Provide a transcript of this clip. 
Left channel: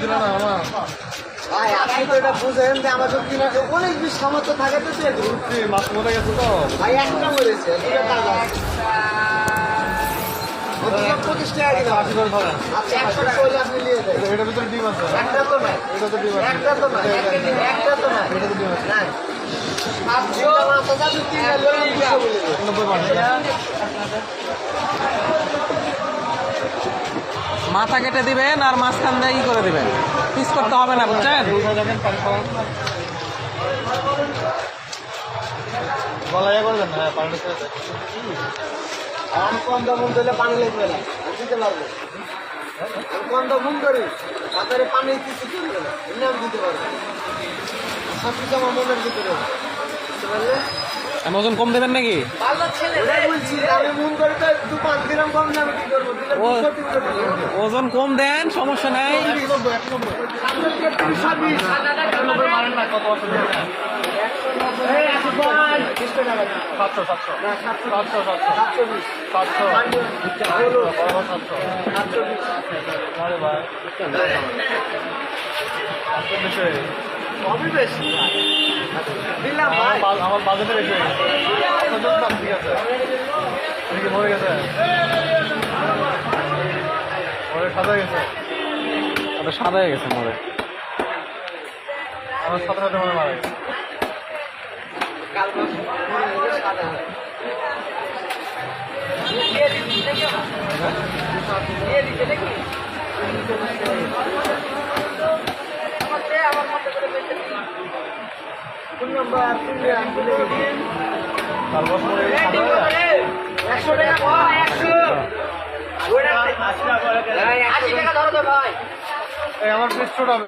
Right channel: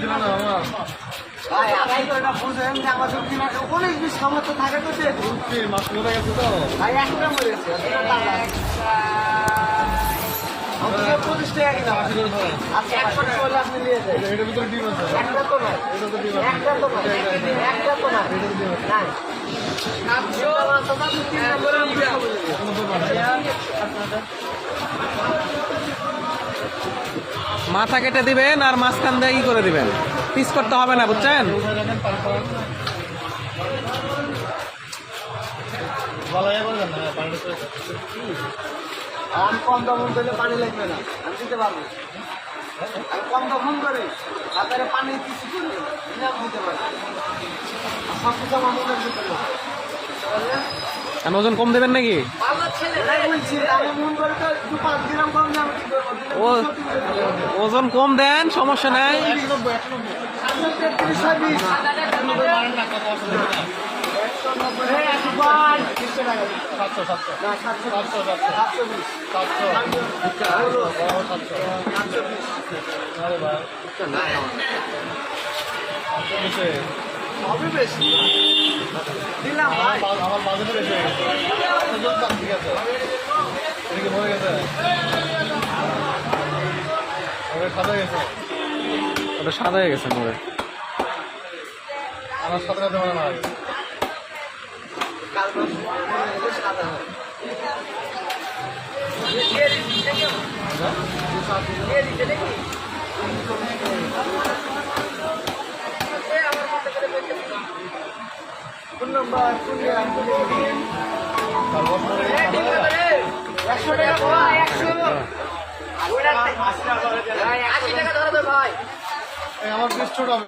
দিল না আমার ভাই আপনি তো এটা বুঝেন যে আমার সব কিনা অনেক বেশি সামর্থ্য থাকে তো মাছ মরে গেছে তো ভাই একটা মরেছে দুটো টাকা সব 25 টাকা দিলাম। আচ্ছা 100 হলে আপনি নিয়ে যান। এটার ভিতরে ডিম আছে একটা তো নাই, এটা তো ডিম আছে একটা তো নাই, একটা তো নাই, এটা তো ডিম আছে নাই। আচ্ছা মাছ দাম 3 বলে দিলাম। 90 মাথা কেটে দিবেন আর মাঝখান দিয়ে ই করে দিবেন, পিস করতে হবে না, বুঝছেন? গলায় করে দেন না পানি আমি কম দাম দিলে পানি লাগবে না, আমি দিতে পারবো। আমি কম দাম করি আপনার পানি কিছু করবে না, এমনি আমি দিতে পারবো। সব কিছু আমার মনের ভিতরে আছে। বুঝলেন? আর ওজন কম দেবেন নাকি? এটাই বলছি, আমি মন করে তো 2-5 গ্রাম কম দাম কি করবো? দিলে ও 200-300 টাকা হবে। ওজন কম দেন, সমস্যা নাই। আপনার 33-20 হবে বেশি দিলাম ভাই। আমার বাজেটে বেশি হয়ে গেছে ঠিক আছে এদিকে মরে গেছে ওরে সাদা গেছে ওটা সাদা হয়ে গেছে মোড়ে। আমার সাদা রাতে মনে মারা গেছে সাদা হয়। কোন নাম্বার? তার বস মরে গেছে সাদা হয়ে যায় 100 টাকা ভাই, 100 80 টাকা ধরো ভাই। এই আমার 20 ছোট হবে